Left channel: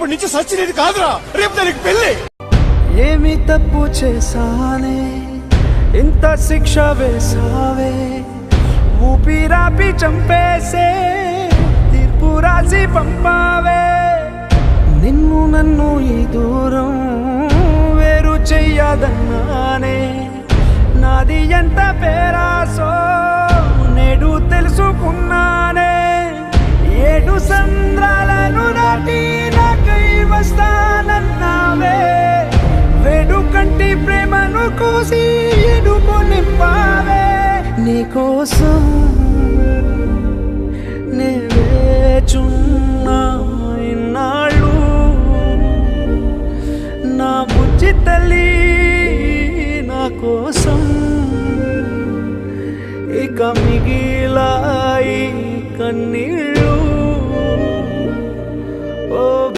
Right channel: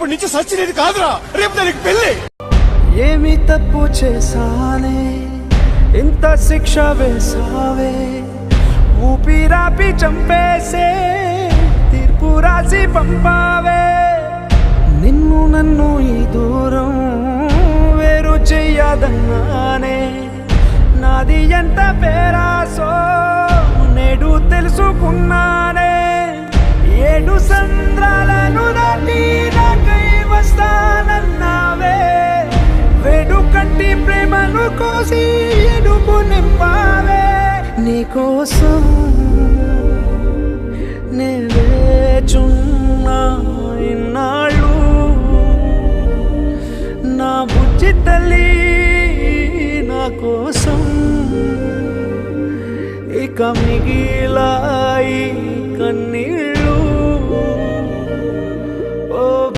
రేపటి నుంచి సచ్చినది కాదురా, రేపు దానికి పెళ్లి. ఏమి తప్పు చేశానే, ఇంత శిక్ష వేసావే, ఊపిరాపి చంపేసే తీర్పు రాసి పంపావే. నిన్ను నన్ను ఈ దూరం వేరు చెయ్యదన్నానే, నాది ఎంత పేరాసో నేడు తెలుసుకున్నానే. 7 సంద్రాలను దాటి నాకై వస్తానన్నావే, వేడుకంటి ప్రేమను కోసి ఎడుపు నింపావే. నీకోసం నే వేచున్నా ఇన్నాళ్ళు, నా బుజ్జి తల్లి నా కోసం. ఇక మిగిలాయి కన్నీ